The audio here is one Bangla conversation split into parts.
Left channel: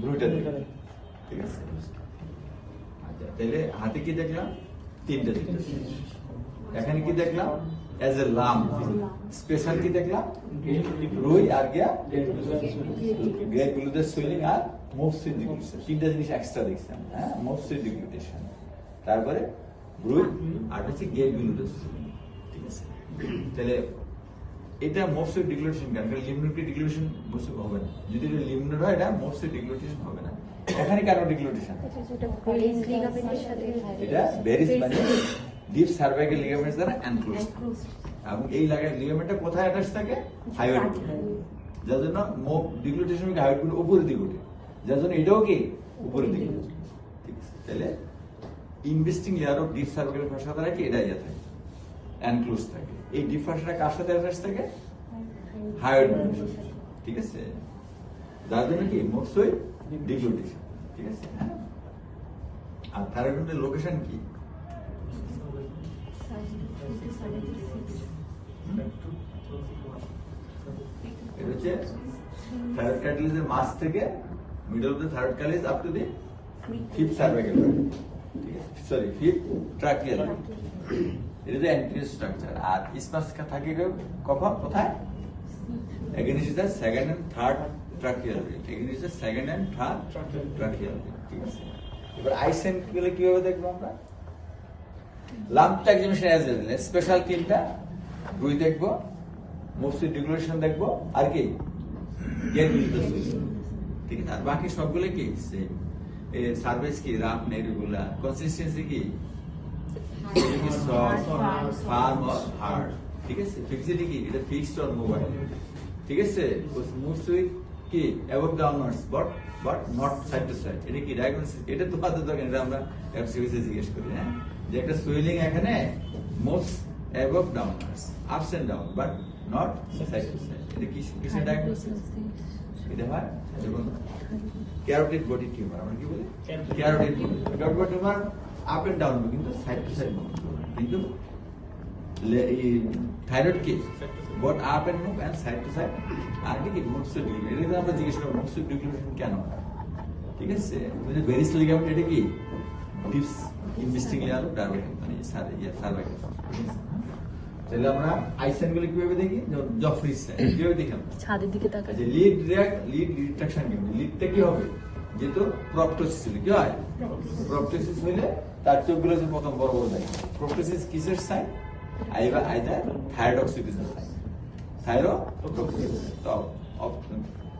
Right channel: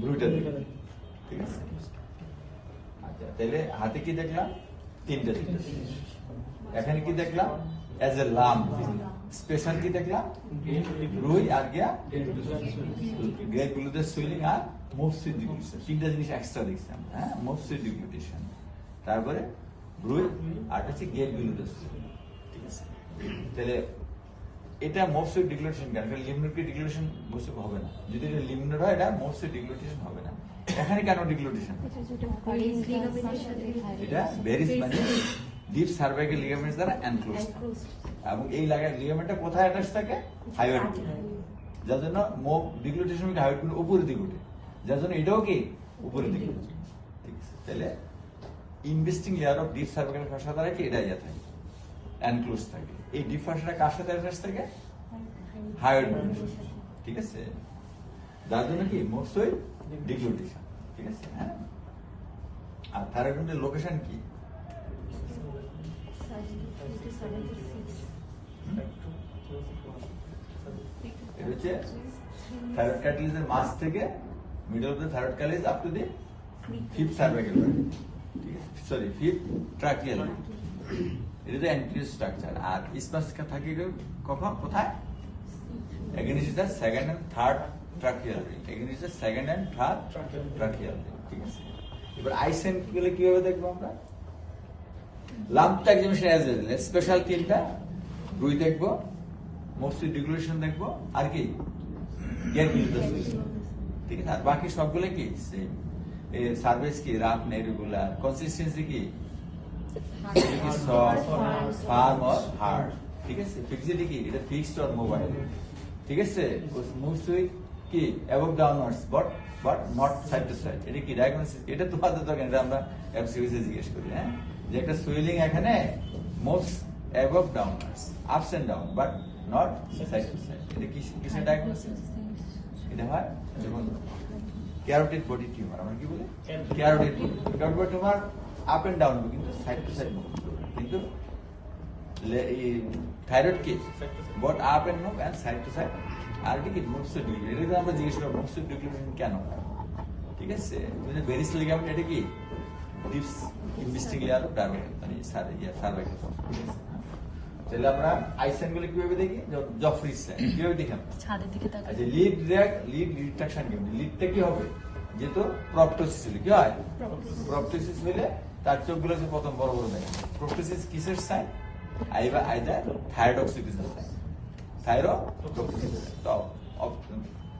ব্রুটা দেখলাম, ঠিক আছে। আচ্ছা, তাহলে হাতে কি দেখলাম? তিনটা জিনিস। এখানে কি দেখলাম? এজ এ লাম স্পেশাল কি দেখলাম? রুই আর গিয়া গ্রেট গ্লুটের সুইলিং আর মোফসুইট ডিগ্লুটেশন, তিনটা জিনিস এক্সট্রা দেখছিলাম। হ্যাঁ, মোফসুইট ডিগ্লুটেশন, তারপরে রুই আর হচ্ছে গ্রেট গ্লুটের সুইলিং, ঠিক আছে। তাহলে এটা মোফসুইট ডিগ্লুটেশন কেন? লিমনোটিক ডিগ্লুটেশন বসে হবে না। যদি এটা লিমনোট হয়, এটা মোফসুইট ডিগ্লুটেশন হবে না। এখানে কেন ডিগ্লুটেশন? এটা ভেরিস মানে ডিপ সার্ভাইকাল লিগামেন্টস দ্বারা এনক্লোজ, এবং এই লিগামেন্টটা কোথায় অ্যাটাচ থাকে? হাইওয়েড, যার জন্য মোপ ডিগ্লুটেশন হাইওয়েড গুলো উপরের দিকে ওঠে, যার জন্য এটাও কি উপরের দিকে, ঠিক আছে। তাহলে investing layer of deep cervical ফাসা দ্বারা কি এটা ইয়ে থাকে, এনক্লোজ থাকে। এই ডিপ ফাসাটা কার সাথে অ্যাটাচ থাকে? হাইওয়েড, ঠিক আছে। যার জন্য কি মোফসুইট ডিগ্লুটেশন, ঠিক আছে। হ্যাঁ, আর থাইরয়েডের লোকেশন কি? এটা হচ্ছে থাইরয়েড ক্যাটালিসের মাঝ থেকে middle of the thyroid cartilage up to the fifth cervical, ঠিক আছে, সরি ফিফথ ট্রাকিয়াল। এটা হচ্ছে অ্যান্টিরিয়র স্ট্রাকচার। আর স্পাস থাকে কখন, কোথায়? Again is the second and third tracheal ring, again is the second and third tracheal ring, ঠিক আছে। এবার আইসেন্ট গুলো কিভাবে দেখবো আমরা? লাম্পটা এক্সামিনেশন অ্যাজ এ স্পেশাল তিনটা, রুই দেখবো, মোফসুইট ডিগ্লুটেশন দেখবো, আর কি গ্রেট গ্লুটের সুইলিং, ঠিক আছে। আর বাকি সবগুলো কি সেম। সার্ভিস কি রাফ না ইরেগুলার, কনসিস্টেন্সি কি সফট, ফার্ম অর হার্ড, ঠিক আছে। ফিক্সিটি কি এটা ফিক্সড অর মোবাইল, ঠিক আছে। মোফসুইট কি above downwards but not side to side, এটা কি ডায়াগনোসিস? এটা তোমাদের তো আমরা এমসিকিউতে জিজ্ঞেস করি, হ্যাঁ, যে একটা সুইলিং এখানে moves above downwards, ups and down, but not side to side, এটা কি কিসের ডায়াগনোসিস? এটা হয় যখন ক্যারোটিড বডি টিউমার, আমরা কি বলি? Carotid body tumour up and down, কিন্তু সাইড টু সাইড মুভ, কিন্তু থাইরয়েড কি both up and move and side to side, আর কি মোফসুইট ডিগ্লুটেশন। এটা আমরা জিজ্ঞেস করব মোফসুইট ডিগ্লুটেশন কেন হয়, ঠিক আছে। ভেরিস লিগামেন্ট, এটা কি deep investing layer of diabetic মানে সার্ভাইকাল। তাহলে আমরা আইসেন গুলো কিভাবে দেখি? জফরিস সাইন কিভাবে দেখি আমরা? ছাদের দিকে তাকাই। আচ্ছা, লিড রিট্রাকশন কি? লিডটা কি হবে? যেহেতু প্রপটোসিস হলে কি হয়? প্রপটোসিস হলে তার চোখগুলো যে প্রথম বড় বড় দেখে। প্রপটোসিস কিসের সাইন? আইদার থাইরয়েডক্সিসের সাইন, থাইরয়েডক্সিস। তো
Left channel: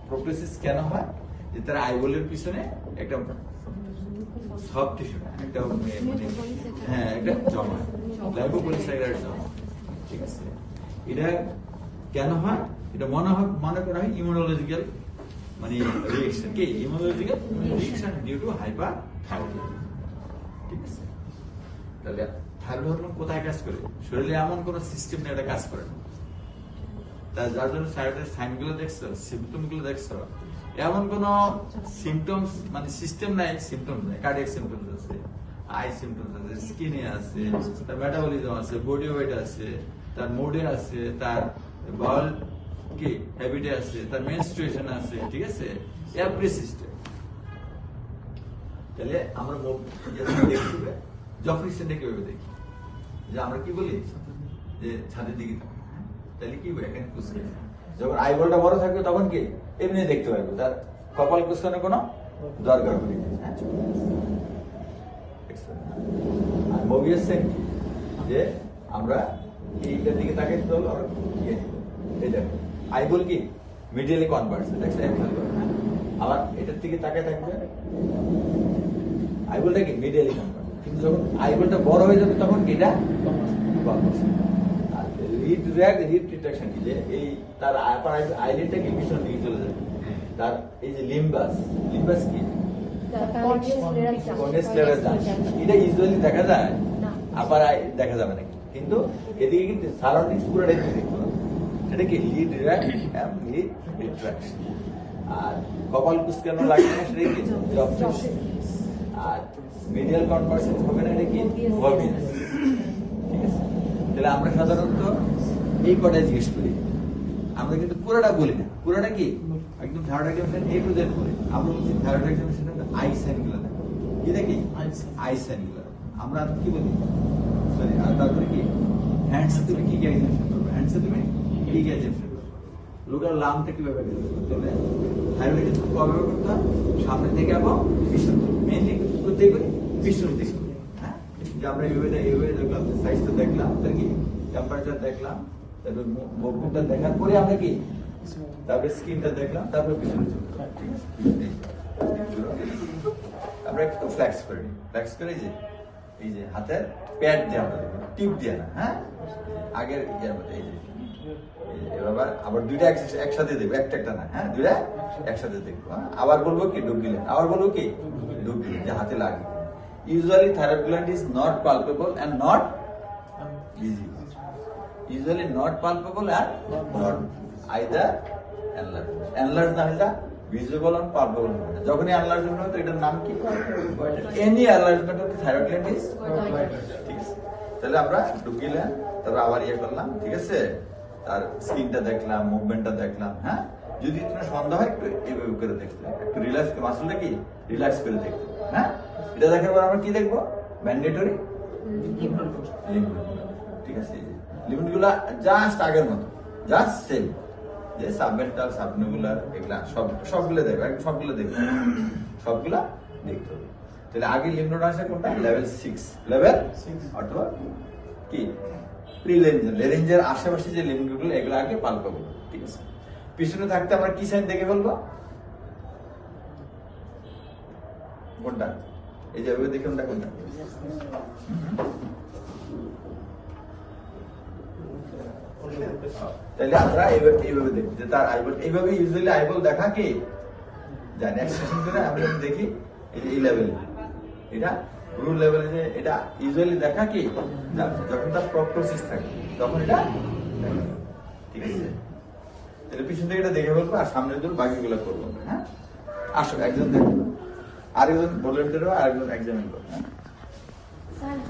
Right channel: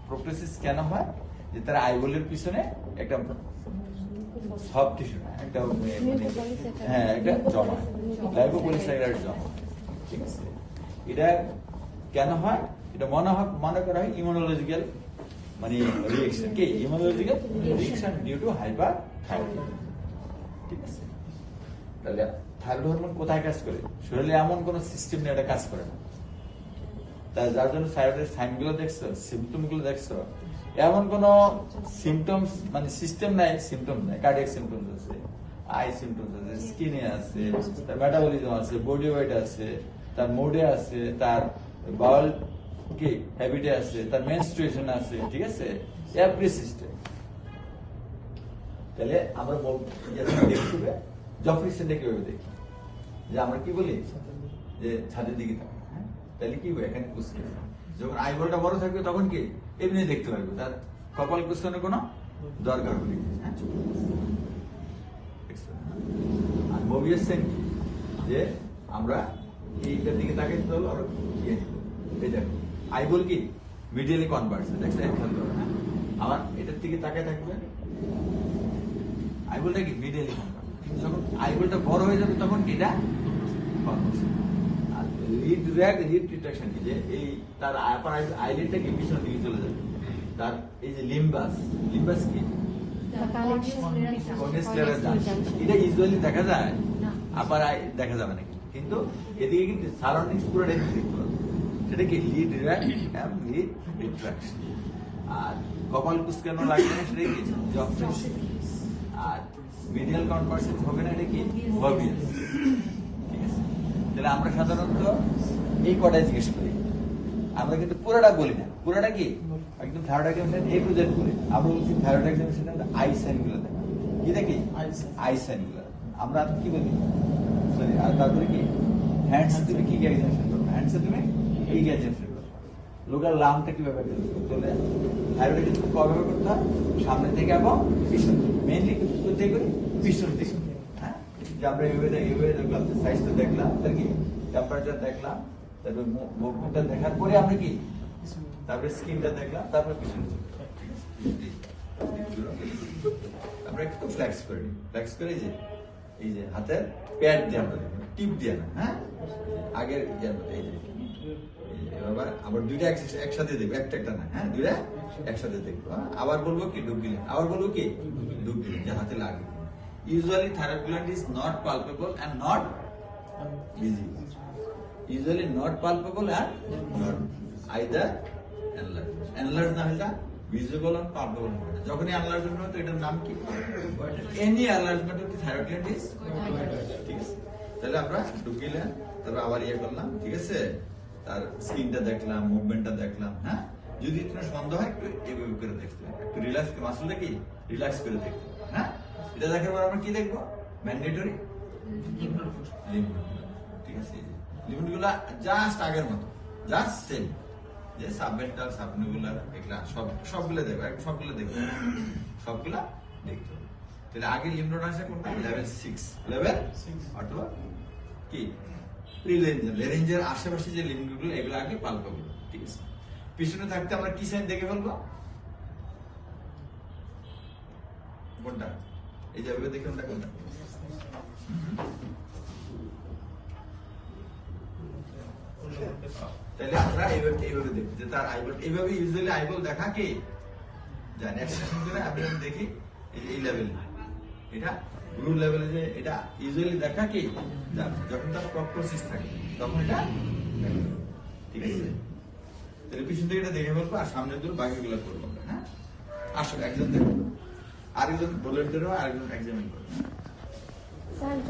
প্রপটোসিস কেন হয়? যে তার আইবলের পিছনে একটা সব টিস্যু, একটা হ্যাঁ, একটা জমা, লাইপোপলিস্যাকারাইড জমা, ঠিক আছে। এটা কেন হয়? এটা মনে করা হয় ইমিউনোলজিক্যাল মানে রিয়েকশন, কি immunological reaction due to hyperthyroidism, ঠিক আছে। তাহলে থাইরয়েড হরমোন কোথায় কাজ করে? শরীরে এমন কোন সিস্টেম নেই এটা কাজ করে না। তার যার জন্য থাইরয়েডের সাইন গুলো দেখছো, সিমটম গুলো দেখছো, এমন কোন সিমটমস মানে সিস্টেম নাই, সিমটম নাই। কার্ডিয়াক সিমটমস আছে, আই সিমটমস আছে, স্কিনে আছে, তার মেটাবলিজম আছে, বডি ওয়েট আছে, তার মুডে আছে, তার বাউল কি হ্যাবিটে আছে, তার মেনস্ট্রুয়েশন আছে, ঠিক আছে, এভরি সিস্টেম। তাহলে আমরা দেখবে জফরিসেনটা কিভাবে দেখি? যে আমরা কি বলি যে ছাদের দিকে থাকবে, হ্যাঁ, তাহলে কি হবে? এখানে কুচকে যখন আইবলটা বড় থাকবে তখন কি এমনি দেখতে পারবে, তার কপাল কুচকানোর কোনো দরকার পড়ে না। আর মোবিয়াস সাইন কি? যে আমরা এইটার দিকে তাকাইতে হলো, আমরা এই দেখো আইবল কি মিডিয়ালি কনভার্স, আবার এটার দিকে তাকায় থাকবে, আইবলটা কি মিডিয়ালি কনভার্স। কিন্তু যখন আইবলটা বড় হয়ে যাবে তখন এটা কনভার্স। আর লিড রিট্রাকশন কি? যে এই তার আইলিডটা কি পিছনের দিকে চলে যাবে। তার এই যে লিম্বাস কি এটা ইউজুয়ালি দেখা যায়, আবার দেখা যাবে নাকি, কিন্তু এদিকে কিন্তু সারাউন্ডিংস পুরোটাই দেখতে পাবো। সেটা কি লিড রিট্রাকশন। আর কপাল কুচকানো লাগবে না, সেটা কি আর মিডিয়াল কনভার্সন হবে না, এটা কি মোবিয়াস, ঠিক আছে। তাহলে আমরা সাধারণত এই কটাই জিজ্ঞেস করি, আমরা কিন্তু পুরোটা বলি না। পুরোটা কি একদম thyroid examination A to Z করে আমরা বলছি থাইরয়েড এক্সামিনেশন আই সাইন গুলো কি নাকি আই সাইন গুলো আমরা কি বলি সরি আর তারপরে কি হ্যান্ডসে তুমি কি এক্সামিনেশন করবে হ্যান্ডসে তুমি কি এক্সামিনেশন করবে লোকাল লামটা কিভাবে করতে হবে থাইরয়েড কবে করতে হয় সামনে থেকে এবং পিছন মেইনলি কোথায় করি পিছন থেকে হ্যাঁ যে আমরা এভাবে দেখলাম সাইজটা দেখলাম তার কি টেম্পারেচার দেখলাম তারপর মুভমেন্টটা দেখার পরে আমরা কি তারপরে স্ক্রিনটা দেখলাম তারপরে পিছনে আমরা একটু ফ্ল্যাক্স করে নিই ফ্ল্যাক্স করে এই যে হাতের প্যাড দিয়ে আমরা দেখবো টিপ দিয়ে না হ্যাঁ আগের এই যে এবার আবার দুইটা একসাথে দেখবো একটা না হ্যাঁ দুইটা একসাথে দেখবো আবার বলবো কি ডুব দিলেন আবার বলবো কি ডুব দিলেন যে হাতে লাগে usually thyroid gland is not palpable and not visible usually not palpable and not either enlarged না এটা visible and palpable হবে যখনই enlargement হবে তো এটার নাম কি any enlargement of the thyroid gland is ঠিক আছে তাহলে আমরা ঢুকিলাম তারপর আবার করলাম ঠিক আছে তার স্কিনটা দেখলাম মুভমেন্টটা দেখলাম হ্যাঁ যদি তোমার সন্দেহ হয় একটু এইভাবে করে দেখতে একটু রিল্যাক্স মাসলটা কি রিল্যাক্স করে দেখতে হ্যাঁ এটা দেখার পর আমরা কি দেখবো ম্যান্ডেটরি ঠিক আছে লিমিট গুলা জাস্ট আগের মতো জাস্ট সেম যে সাবমেন্টাল সাবনিকুলার এগুলা সবগুলো দেখবো সবগুলো দেখবো সবগুলা দেখতে হবে তাহলে আগে লিমিট আছে কোনটা লেভেল 6 লেভেল 6 অথবা কি লেরেঞ্জের আশেপাশে যে লিমিটগুলো এগুলো আগে পাল্পাবো ঠিক আছে পিছনে থাকতে আমরা কি সাইন দেখে বলবো কোনটা এই যে ওই দেখে কোনটা তাহলে আমরা এইভাবে দেখি যে তার আইবল এইভাবে ইউজুয়ালি আইবল দেখা কি জানি এক্সপ্রেশন করে আমরা দেখি এই লেভেল এটা রুল লেভেলে যে এটা ইউজুয়ালি দেখা কি যখন তার প্রপটোসিস থাকে তখন এটা ঠিক আছে তাহলে পিছন থেকে এটা দেখে ফেলবো আর সামনে দূর বাকিগুলো করবো হ্যাঁ আসো একজন দেখবো আরেকজন ভলেন্টিয়ার আরেকজন এক্সামিন করবো হ্যাঁ